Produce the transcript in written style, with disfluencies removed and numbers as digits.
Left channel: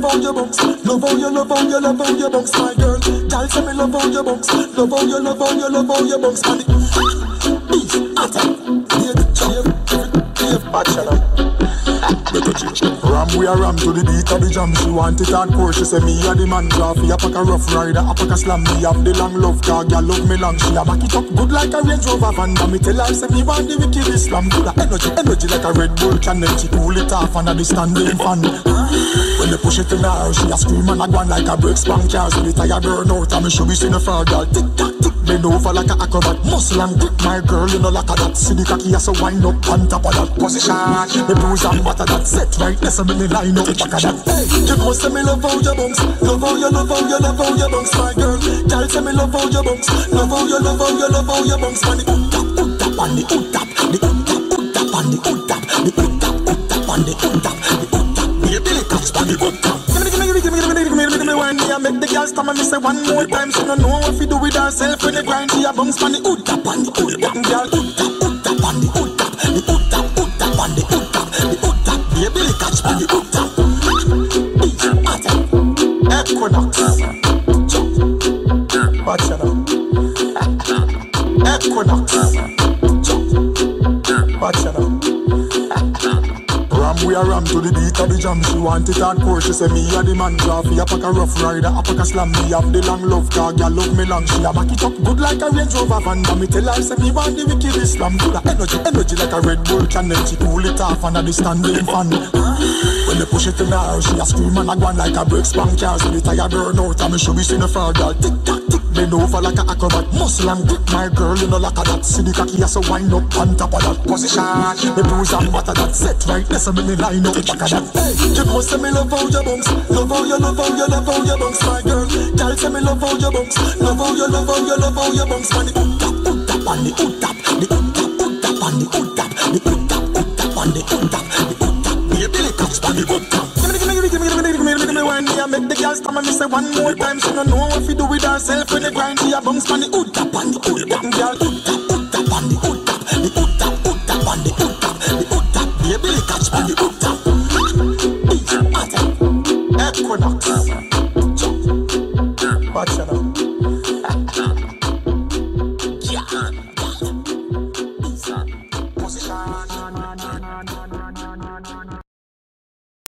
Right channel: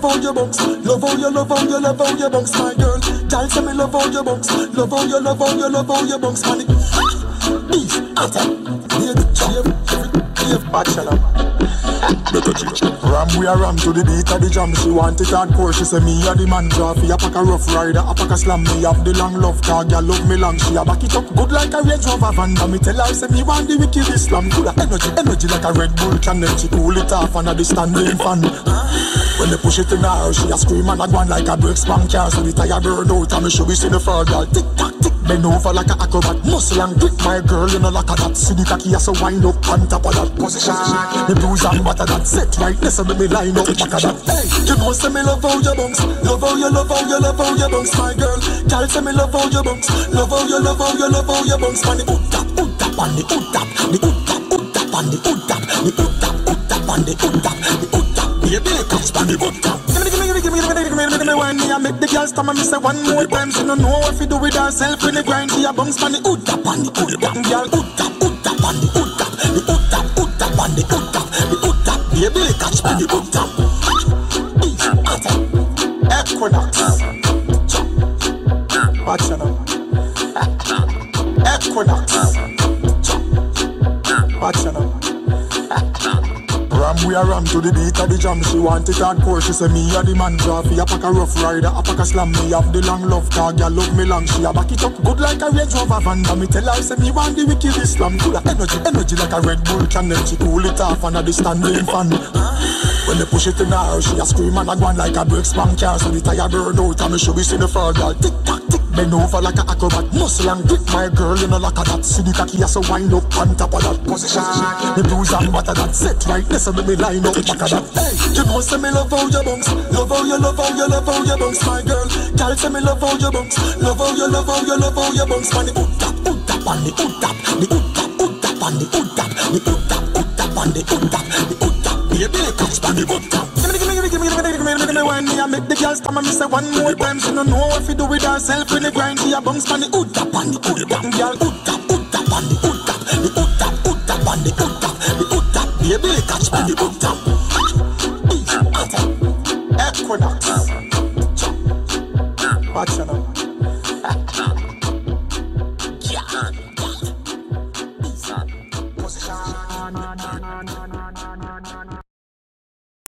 love how you bounce. Love how you, love how you, love how you bounce, my girl. Girl, say me love how you bounce. Love how you, love how you, love how you bounce, man. Beef, attack, bachelor. Ram, we a ram to the beat of the jam. She want it hardcore. She say me a the man. Draffy, a pack a rough rider, a pack a slam. Me have the long love car, girl love me long. She a back it up good like a Range Rover van. Me tell her say me want the wicked Islam. Full of energy, energy like a Red Bull channel. She cool it off under the standing fan. When they push it in her, she a scream and a go on like a brake spank car. So the tire burn out and me should be seeing the fur, girl. Tick tock tick, bend over like a acrobat. Muscle and grip, my girl, you know like a that. See the cocky as a wind up on top of that position. The bruise and butter that set right. Listen me line up back of that. Hey, you know say me love how you bounce. Love how you, love how you, love how you bounce, my girl. Girl say me love how you bounce. Love how you, love how you, love how you bounce. Man, the tap on the tap, the tap on the tap, the tap on the tap, the tap. Baby, catch on the tap. Give me one day I make the girl stammer. Me say one more time. She don't know what to do with herself when the grind. She a bounce on the tap on the tap, girl. Tap on the tap, the tap on the tap, the tap. Baby, catch on the tap. Equinox. Watch it now. Equinox. Watch it now. Ram, we a ram to the beat of the jam. She want it hardcore. She say me a the man. Draffy, a pack a rough rider, a pack a slam. Me have the long love car, girl love me long. She a back it up good like a Range Rover van. Me tell her say me want the wicked Islam. Full of energy, energy like a Red Bull channel. She cool it off under the standing fan. When they push it in her, she a scream and a go on like a brake spank car. So the tire burn out and me should be seeing the fur, girl. Tick tock tick, bend over like a acrobat. Muscle and grip, my girl, you know like a that. See the cocky as a wind up on top of that position. The bruise and butter that set right. Listen me line up back of that. Hey, you know say me love how you bounce. Love how you, love how you, love how you bounce, my girl. Girl say me love how you bounce. Love how you, love how you, love how you bounce. Man, the tap on the tap, the tap on the tap, the tap on the tap, the tap. Baby, catch on the tap. Give me one day I make the girl stammer. Me say one more time. She don't know what to do with herself when the grind. She a bounce on the tap on the tap, girl. Tap on the tap, the tap on the tap, the tap. Baby, catch on the tap. Equinox. Watch it now.